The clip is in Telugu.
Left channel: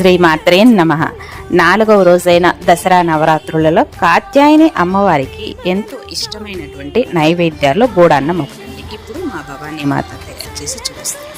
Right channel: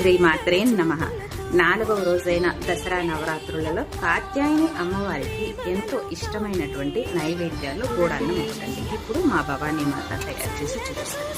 శ్రీమాత్రే నమః. 4వ రోజైన దసరా నవరాత్రులలో కాత్యాయని అమ్మవారికి ఎంతో ఇష్టమైనటువంటి నైవేద్యాల్లో బోడాన్నం ఒకటండి. ఇప్పుడు మా భవానీ మాత తయారు చేసి చూపిస్తుంది.